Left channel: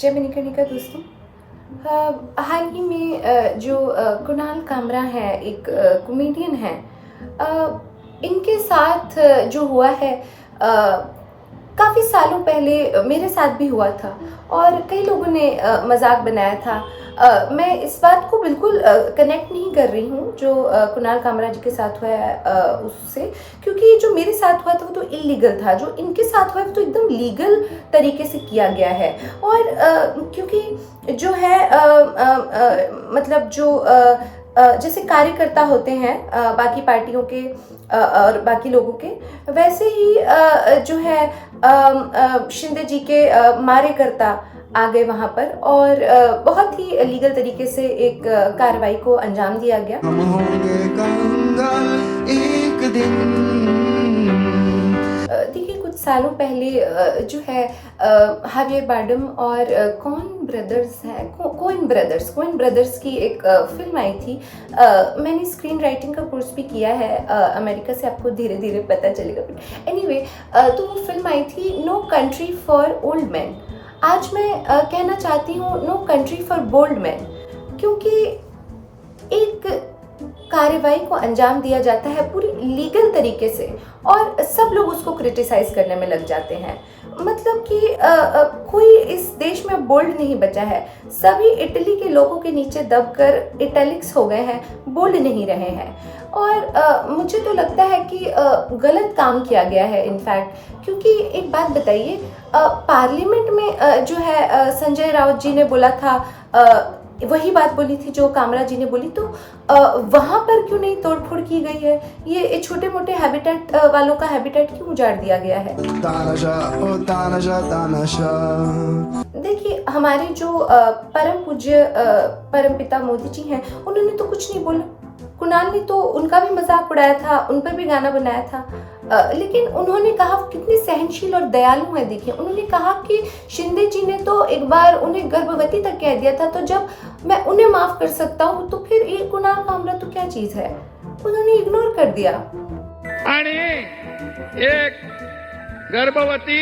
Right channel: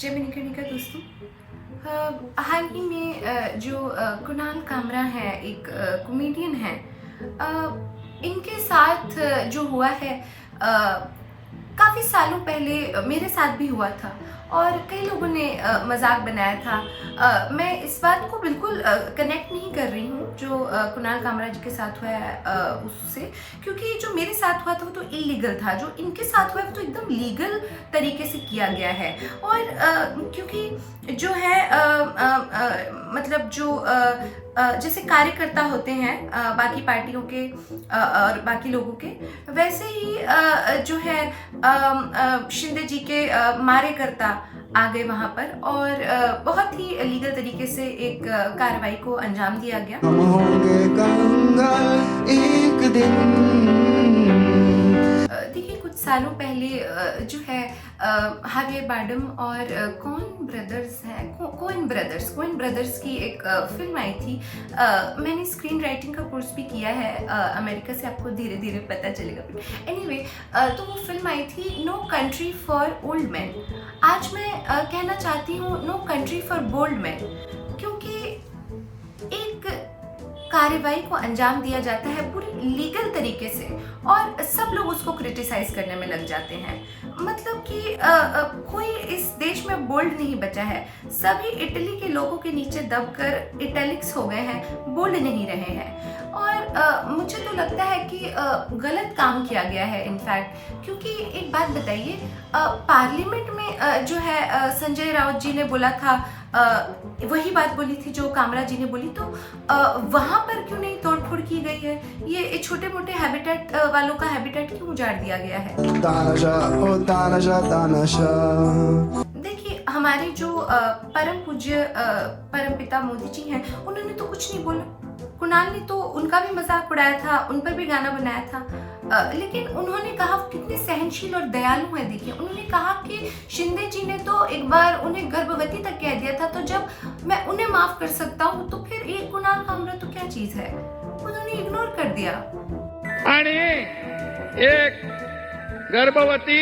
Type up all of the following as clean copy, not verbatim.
जय मणिकर्णिका दोस्तों। हाल ही में जो कुणाल कामरा है, एक कॉमेडियन है, इनके साथ जो हुआ है काफ़ी सालों पहले मेरे साथ भी हुआ था और कई लोगों ने मजाक बनाया था। मैं इस बात को बिल्कुल कनेक्ट नहीं कर रही हूँ जो कुणाल कामरा जी के साथ हुआ है उससे, क्योंकि जो मेरे साथ हुआ था वो तो इलीगल था, जो इनके साथ हुआ है वो तो एकदम लीगल तरीके से किया गया है। और क्योंकि जो है मतलब जो जैसे कार्यकर्ता होते हैं बाकी पार्टियों के और बाकी लोगों के, वैसे ही जो है शिंदे जी के मारेकर्ता आ गए वहां पर और बहुत ही लीगल तरीके से एक कार्रवाई को अंजाम दिया गया। हम होंगे कंगाल एक दिन। देखिए, कुछ सालों पहले जो है हावियर बारडम और कोइन ब्रदर्स की एक फिल्म आई थी। मैंने स्क्रीन राइटिंग का कोर्स भी किया है अमेरिका से, आपको धीरे धीरे पता चलेगा। एनीवे, तो वो फिल्म आई थी no country for old man. आज मैं कहना चाहती हूँ no country for bold man, क्योंकि एक कार्रवाई को अंजाम दिया जाता है पूरी लीगल तरीके से और सब लोग उसको क्रिटिसाइज करने में लग जाते हैं। मतलब कि कोई इस देश में बोल्ड नहीं बचा है। सभी इटली के लोगों के नीचे दबकर इटैलिक्स हो गए हैं, बोल्ड नहीं रहे हैं। और मुझे तो लगता है कि गलत काम किया गया है इनफैक्ट, क्योंकि एक बात बताइए, पार्लियामेंट में जो है संजय राउत जी ने बोला था, वही बात बोली थी जो कामरा जी ने बोली, तो वहां पर क्यों नहीं तोड़फोड़ की गई है? ये छोटे मोटे हैबिटेट वालों का हैबिटेट क्यों उजाड़ दिया गया है? देखिए, हमारे जो परम पूज्य परम पिता मोदी जी हैं, उन्होंने तो कुछ नहीं बोला। कुणाल ने तो उनका भी मजाक उड़ाया था, उन पर भी गाना बनाया था, लेकिन उन्होंने कहा कितने सहनशील और दयालु है। देखिए, उन्होंने कहा कि शिंदे जी ने तो एक बार उन्हें गर्भवती तक कह दिया था, तो जब मैं उन्हें माफ कर सकता हूँ तो फिर ये कुणाल कामरा तो क्या चीज है? उन्होंने इग्नोर कर दिया। आणि एक गर्भवती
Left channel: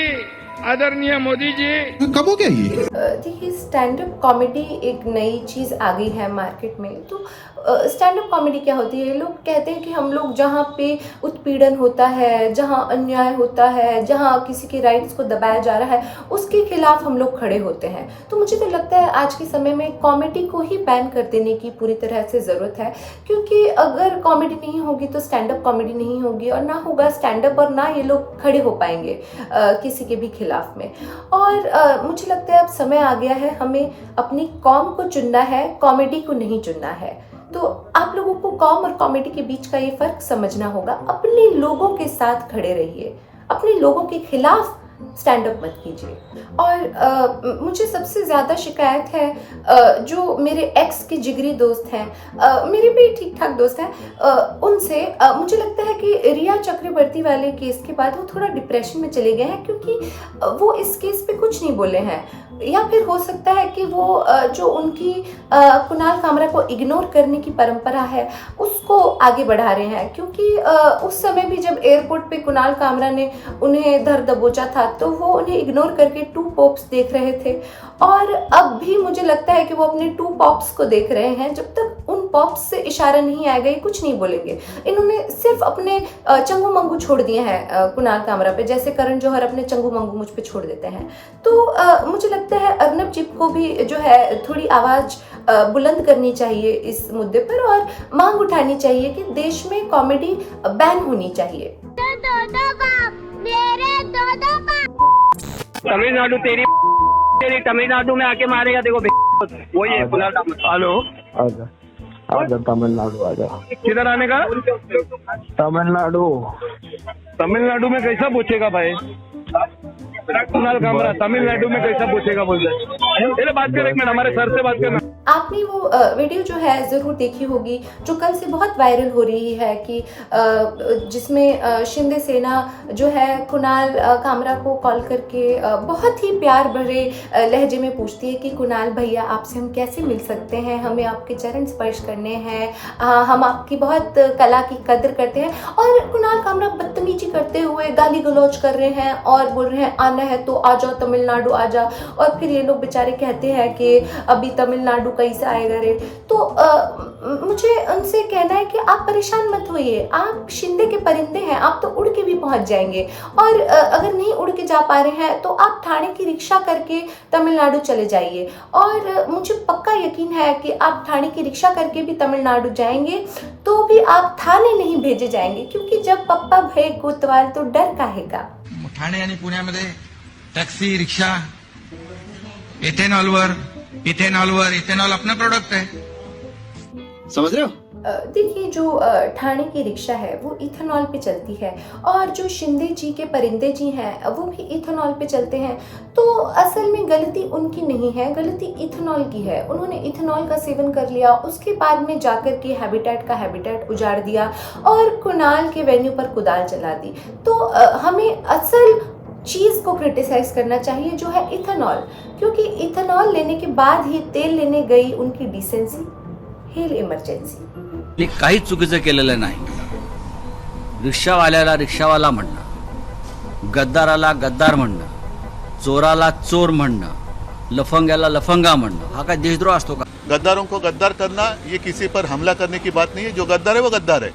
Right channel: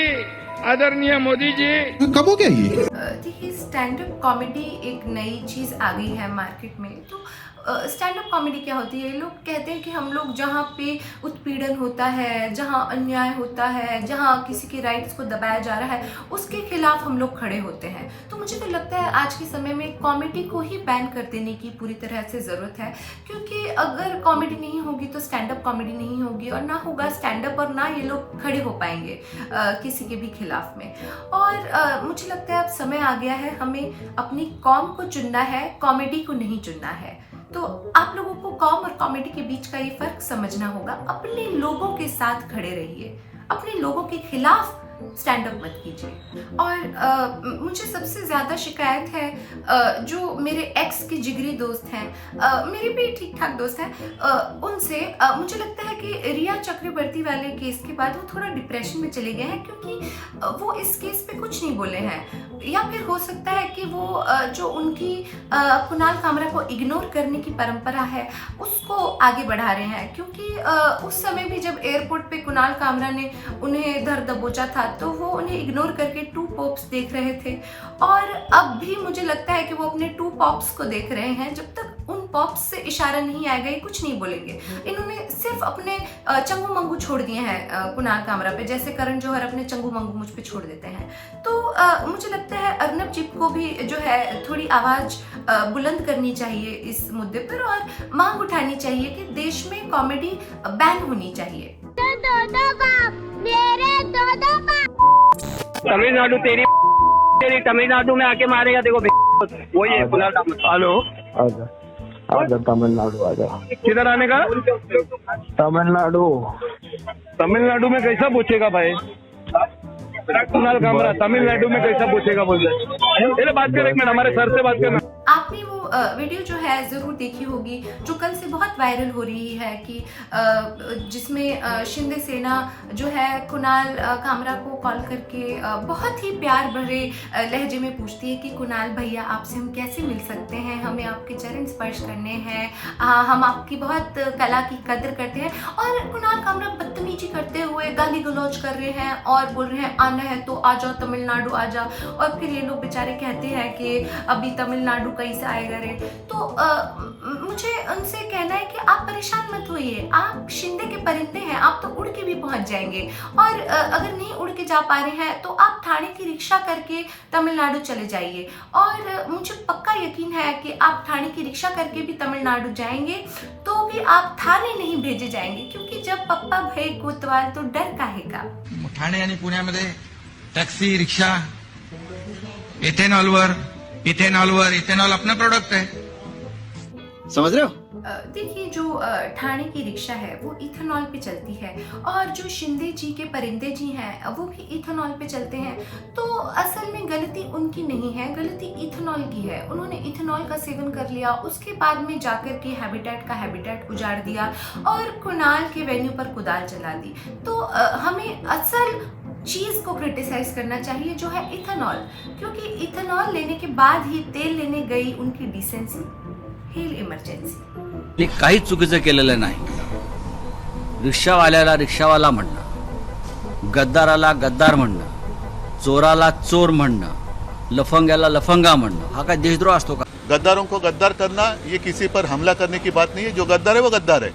आदरणीय मोदी जी कब हो गया ये? देखिए, स्टैंड अप कॉमेडी एक नई चीज़ आ गई है मार्केट में। तो स्टैंड अप कॉमेडी क्या होती है? लोग कहते हैं कि हम लोग जहाँ पे उत्पीड़न होता है, जहाँ अन्याय होता है, जहाँ किसी के राइट्स को दबाया जा रहा है, उसके खिलाफ हम लोग खड़े होते हैं। तो मुझे तो लगता है आज के समय में कॉमेडी को ही बैन कर देने की पूरी तरह से ज़रूरत है, क्योंकि अगर कॉमेडी नहीं होगी तो स्टैंड अप कॉमेडी नहीं होगी और ना होगा स्टैंड अप, और ना ये लोग खड़े हो पाएंगे किसी के भी खिलाफ में। और मुझे लगता है अब समय आ गया है, हमें अपनी कौम को चुनना है, कॉमेडी को नहीं चुनना है। तो आप लोगों को कॉम और कॉमेडी के बीच का ये फर्क समझना होगा। अपने लोगों के साथ खड़े रहिए, अपने लोगों के खिलाफ स्टैंड अप मत कीजिए। और मुझे सबसे ज़्यादा शिकायत है जो मेरे एक्स के जिगरी दोस्त हैं, मेरे भी ठीक ठाक दोस्त हैं, उनसे। मुझे लगता है कि रिया चक्रवर्ती वाले केस के बाद वो थोड़ा डिप्रेशन में चले गए हैं, क्योंकि वो इस केस पे कुछ नहीं बोले हैं। या फिर हो सकता है कि वो जो उनकी कुणाल कामरा को इग्नोर करने की परंपरा है उसको आगे बढ़ा रहे हैं, क्योंकि उस समय भी जब एयरपोर्ट पे कुणाल कामरा ने उन्हें धर दबोचा था तो वो उन्हें इग्नोर करके टू पॉप्स देख रहे थे। और अब भी मुझे लगता है कि वो अपने टू पॉप्स को देख रहे हैं। जब तक उन पॉप्स से इशारा नहीं आएगा ये कुछ नहीं बोलेंगे। इन्होंने सिर्फ अपने चंगू मंगू छोड़ दिए हैं कुणाल कामरा पे, जैसे करण जौहर अपने चंगू मंगू मुझ पे छोड़ देते हैं। तो मुझे लगता है अर्नब जी को भी जो है थोड़ी आवाज बुलंद करनी चाहिए इस मुद्दे पर और मांग उठानी चाहिए कि देश में कॉमेडी बैन होनी चाहिए। तमिलनाडु तेरी तमिलनाडु में आके मारेगा, देखो वही है कुणाल कामरा। हेलो, आजा आजा तमिलनाडु आजा। किधर आने का? तमिलनाडु। तमिलनाडु में कैसा पूछेगा भाई कुणाल कामरा? तमिलनाडु में कैसा पूछेगा बोल रहे? बात कर, एक मिनट, हमारे सर से बात करना। आपने वो वीडियो जो है ज़रूर देखी होगी जो कल से बहुत वायरल हो रही है कि जिसमें शिंदे सेना जो है कुणाल कामरा को कॉल करके बहुत ही प्यार भरे लहजे में पूछती है कि कुणाल भैया आपसे हम कैसे मिल सकते हैं, हमें आपके चरण स्पर्श करने हैं, हम आपकी बहुत कला की कदर करते हैं। और कुणाल कामरा बदतमीजी करते हुए गाली गलौज कर रहे हैं और बोल रहे हैं आना है तो आ जाओ तमिलनाडु आ जाओ। और फिर ये लोग बेचारे कहते हैं कि अभी तमिलनाडु कैसे आएगा रे। तो मुझे उनसे कहना है कि आप परेशान मत होइए, आप शिंदे के परिंदे हैं, आप तो उड़ के भी पहुंच जाएंगे। और अगर नहीं उड़ के जा पा रहे हैं तो आप थाने की रिक्शा करके तमिलनाडु चले जाइए। और मुझे पक्का यकीन है कि आप थाने की रिक्शा करके भी तमिलनाडु जाएंगे तो भी आप थाने नहीं भेजे जाएंगे, क्योंकि जब पप्पा भय कोतवाल तो डर काहे का। ठाणे आणि पुण्यामध्ये टॅक्सी रिक्षा इथेनॉल अपना प्रोडक्ट है, समझ रहे हो? देखिए जो ठाणे की रिक्शा है वो इथेनॉल पे चलती है और जो शिंदे जी के परिंदे जी हैं वो भी इथेनॉल पे चलते हैं। तो असल में गलती उनकी नहीं है, गलती इथेनॉल की है। उन्होंने इथेनॉल का सेवन कर लिया, उसके बाद में जाकर के हैबिटेट उजाड़ दिया और कुणाल के वेन्यू पर कुदाल चला दी। तो हमें असल चीज़ को क्रिटिसाइज करना चाहिए जो है इथेनॉल, क्योंकि इथेनॉल लेने के बाद ही तेल लेने गई उनकी डिसेंसी, हेल इमर्जन्सी। मी काहीच चुकीचं केलेलं नाही। रिक्षावाल्याला रिक्षावाला म्हणणं, गद्दाराला गद्दार म्हणणं, चोराला चोर म्हणणं, लफंग्याला लफंगा म्हणणं, हा काय देशद्रोह असतो का? गद्दारों को गद्दार करना ये किसी पर हमला करने की बात नहीं है। जो गद्दार है वो गद्दार है।